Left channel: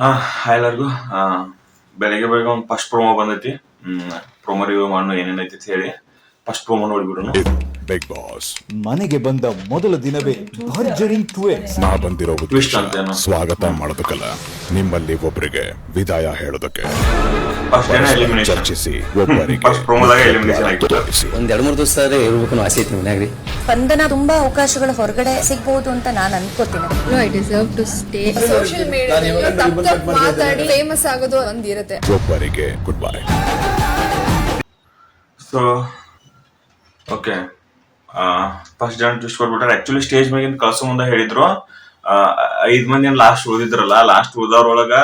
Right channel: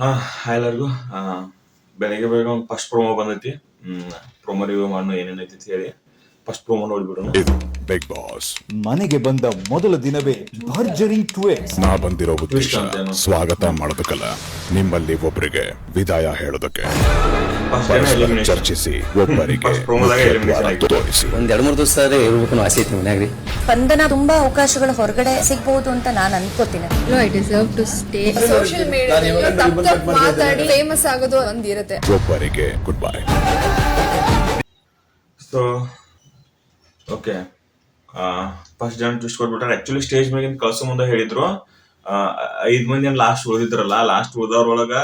Hi ಎಲ್ಲರಿಗೂ. ಬೆಳಗ್ಗೆ ಬೇಗ ಒಂದು ಫಸ್ಟ್ ಪ್ರೋಮೋ ಬಂದೈತಿ. ಪ್ರೋಮೋ ರಿವ್ಯೂ ಮಾಡೋಣ ಏನೇನೈತಿ ಅಂತ ಹೇಳಿ ಫಸ್ಟ್ ಪ್ರೋಮೋ ನೋಡ್ಬಿಡೋಣ. ಬಿಗ್ ಬಾಸ್ ಮನೆಗೆ ಬಂದ ಮೊದಲ ದಿನವೇ ಭರ್ಜರಿ ಟ್ವಿಸ್ಟ್. ನಾ ಬಂದಿರೋ ಉದ್ದೇಶ Twist ಅಂತೇನು? ಸ್ವಾಗತ ಮಾಡೋದಕ್ಕಲ್ಲ, ನಿಮ್ಮಲ್ಲಿ ಒಬ್ಬರಿಗೆ ವಿದಾಯ ಹೇಳೋದಕ್ಕೆ. ಫಸ್ಟ್ ಪರಸ್ಪರ ಚರ್ಚಿಸಿ ಒಬ್ಬರಿಗೆ First promo-ದಾಗ ಮುಖ್ಯ elimination ದ್ವಾರ ಆಯ್ತು. ತೋರಿಸಿ. ಒಂದ್ 2-3 ದಿವಸ ಇರ್ಬೇಕು ಆಸೆ ಐತಿ ಮನ್ಯಾಗ್ರಿ. ಸ್ಪಂದನ ತುಂಬಾ ಅವಕಾಶಗಳು ಹೊರಗಡೆ ಸಿಗ್ಬಹುದು ಅಂತ ನಾನು ಅನ್ಕೋತೀನಿ. I deserve to stay. Social ಮೀಡಿಯಾದಲ್ಲಿ ತಪ್ಪು ಮಾತಾಡಿ ಫೇಮಸ್ ಆಗೋದು ಒಂದಿರುತ್ತೆ. ಒಬ್ಬರಿಗೆ good bye. So okay, first ಜನ ಟ್ವಿಸ್ಟ್ ಕೊಟ್ಬಿಟ್ರೆ ಆಕ್ಚುಲಿ ಸ್ಟೇಜ್ ಮ್ಯಾಗಿನ ಕಳ್ಸೋ ಮುಂದೆ ಹೇಳಿದ್ರು 5 ಮಂದಿ ಲಾಸ್ಟ್ ಉಳಿದಿದ್ರಲ್ಲ, ಲಾಸ್ಟ್ ಉಳಿದವ್ರೊಳಗ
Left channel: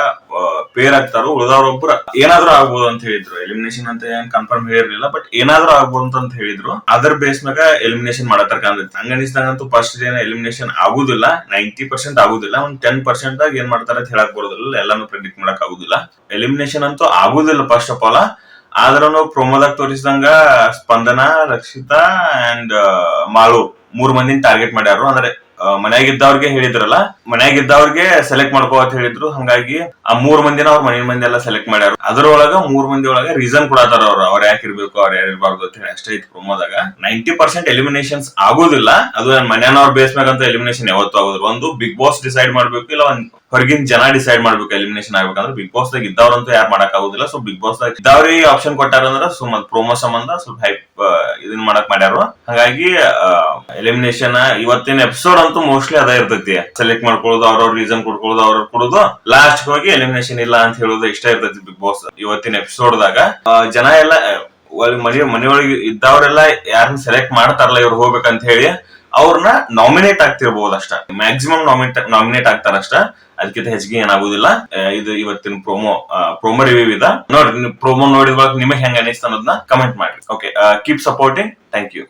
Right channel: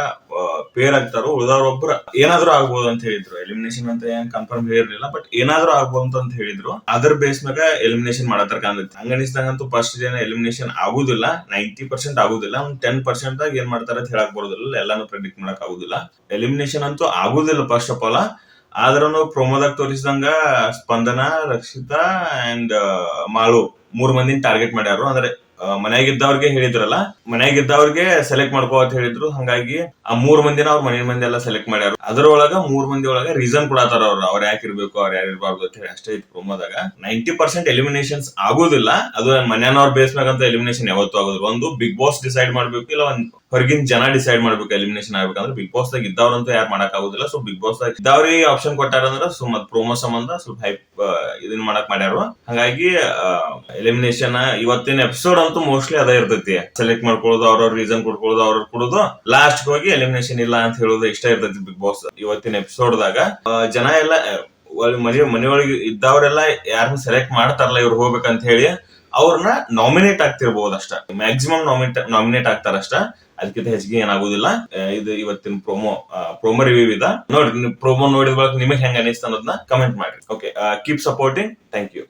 ಪೇರ್ ಆಗ್ತಾರೋ, ಉಳಿದವ್ರೊಬ್ರು ಏನಾದ್ರೂ ಆಗ್ಬೋದು ಅಂತ ಹೇಳಿದ್ರು. ಎಲಿಮಿನೇಷನ್ ಅಂತ ಏನ್ ಕನ್ಫರ್ಮ್ ಹೇಳಿರ್ಲಿಲ್ಲ, ಬಟ್ ಏನಾದ್ರೂ ಆಗ್ಬೋದು ಅಂತ ಹೇಳಿದ್ರು. ಅದರ ಬೇಸ್ ಮ್ಯಾಗ ಎಲಿಮಿನೇಷನ್ ಮಾಡತ್ತಾರ ಕಾಣ್ತೈತಿ. ಹಂಗ ಅನಿಸ್ದಂಗಂತೂ ಫಸ್ಟ್ ಜನ ಎಲಿಮಿನೇಷನ್ ಆಗುದಿಲ್ಲ, 90% ಆಗುದಿಲ್ಲ. ಒಂದ್ 10% ಆಗಿ ಏನ್ ಮಾಡ್ತಾರ ಅಂತ ಹೇಳಕ್ ಬರೋದಿಲ್ಲ, ಎಲ್ಲಾನು ಪ್ರೆಡಿಕ್ಟ್ ಮಾಡಕ್ ಆಗುದಿಲ್ಲ. ಎಲಿಮಿನೇಷನ್ ಅಂತೂ ಆಗುದಿಲ್ಲ ಫಸ್ಟ್ ಆಫ್ ಆಲ್. ಆದ್ರೂ ಪ್ರೋಮೋದಾಗ ತೋರಿಸಿದಂಗ ಸ್ಪಂದನ, ರಕ್ಷಿತಾ ಅಂಡ್ ಮಾಳು 3 ಮಂದಿನ ಟಾರ್ಗೆಟ್ ಮಾಡ್ಯಾರು. ಅಂದ್ರೆ ಮನ್ಯಾಗಿದ್ದವ್ರಿಗೆ ಹೇಳಿದ್ರಲ್ಲ, ಮನ್ಯಾಗಿದ್ದವ್ರಿಗೆ ಸೆಲೆಕ್ಟ್ ಮಾಡ್ಕೋ ಅಂತ ಹೇಳಿದ್ರು. ಹಂಗಾಗಿ ಆ 3 ಮಂದಿನ ಅವ್ರ ಮನೆ ಮಂದಿ ಎಲ್ಲ ಸೆಲೆಕ್ಟ್ ಮಾಡ್ಯಾರ. ಅದ್ರೊಳಗ 3 ಮಂದಿ ಒಳಗ ರೀಸನ್ ಕೊಡತಾರ ಅವ್ರ ಯಾಕೆ ಇರ್ಬೇಕು, ಅವ್ರ ಯಾರು ಇರ್ಬಾರ್ದು ಅಂತ ಹೇಳಿ ಅಷ್ಟೇ ಐತಿ ಪ್ರೋಮೋದಾಗ. 90% ಎಲಿಮಿನೇಷನ್ಸ್ ಆಗುದಿಲ್ಲ. ಅದು ನನ್ನ ಮನ್ಯಾನವ್ರ ಬೇಸ್ ಮ್ಯಾಗ ಅಂತ ಎಲಿಮಿನೇಷನ್ ಯಾವತ್ತೂ ಆಗುದಿಲ್ಲ. ಒಂದು ಬಿಗ್ ಬಾಸ್ ಡಿಸೈಡ್ ಮಾಡ್ಬೇಕು, ಇಲ್ಲ ಒಂದ್ ಹೊರಗಿನ ಜನ ಡಿಸೈಡ್ ಮಾಡ್ಬೇಕು ಎಲಿಮಿನೇಷನ್ ಆಗ್ಬೇಕಂದ್ರೆ. ಬಿಗ್ ಬಾಸ್ ದಾಗ ಇದ್ದವ್ರಂತೂ ಯಾರು ಮಾಡಕ್ ಆಗುದಿಲ್ಲ. ಸೊ ಬಿಗ್ ಬಾಸ್ ದಾಗ ಇದ್ದವ್ರಿಗೆ ಆಪ್ಷನ್ ಕೊಟ್ಟಾರಂದ್ರ ಸುಮ್ಮನೆ ಪ್ರೋಮೋ ಸಂಬಂಧ ಸ್ವಲ್ಪ ಹೈಪ್ ಇದನ್ ಮಾಡಕ್ ಮಾಡ್ಯಾರು. ಹಾಗಾಗಿ ಎಲಿಮಿನೇಷನ್ ಇವತ್ತಿನ ಎಪಿಸೋಡ್ ಅಂತೂ ಮೋಸ್ಟ್ಲಿ ಅದ ಇರ್ತೈತಿ. ಸೆಲೆಕ್ಟ್ ಮಾಡ್ಕೊಳ್ಳೋದು, ಅವ್ರವ್ರ ರೀಸನ್ ಕೊಡ್ಕೊಳ್ಳೋದು, ಅವ್ರವ್ರ ಕೊಡೋದು, ಲಾಸ್ಟ್ ಹೋಗಿ ಎಲಿಮಿನೇಷನ್ ಇಲ್ಲ ಅಂತ ಹೇಳೋದು ಇಷ್ಟ ಇರ್ತೈತಿ ಬಿಗ್ ಬಾಸ್ ಇವತ್ತಿನ ಎಪಿಸೋಡ್ ದಾಗ. ಜನ ಎಲ್ಲ ಮನೆಯೊಳಗೆ ಇದ್ದವ್ರೆಲ್ಲ ಯಾರನ್ನ ಸೆಲೆಕ್ಟ್ ಮಾಡ್ತಾರಲ್ಲ ಇವ್ರು ಹೋಗ್ಬೇಕಂತ ಹೇಳಿ ಅವ್ರನ್ನ ನಾಮಿನೇಟ್ ಆಗ್ತಿರ್ಬೋದು ಅಷ್ಟ. ಮ್ಯಾಕ್ಸಿಮಮ್ ನಾಮಿನೇಟ್ ಆಗ್ತಾರಷ್ಟ. ಅದಕ್ಕಿಂತ ಹೆಚ್ಚಿಗೆ ಏನಾಗುದಿಲ್ಲ. ಇದು ಇವತ್ತಿನ ಪ್ರೋಮೋ ರಿವ್ಯೂ ಇದ. ನೋಡ್ರಿ, ಪ್ರೋಮೋ ನೋಡಿದ ನಿಮಗೆ ಹೆಂಗ ಅನಿಸ್ತ ಅನ್ನೋದನ್ನ ಕಮೆಂಟ್ ಮಾಡಿ. Okay, keep supporting. Thank you.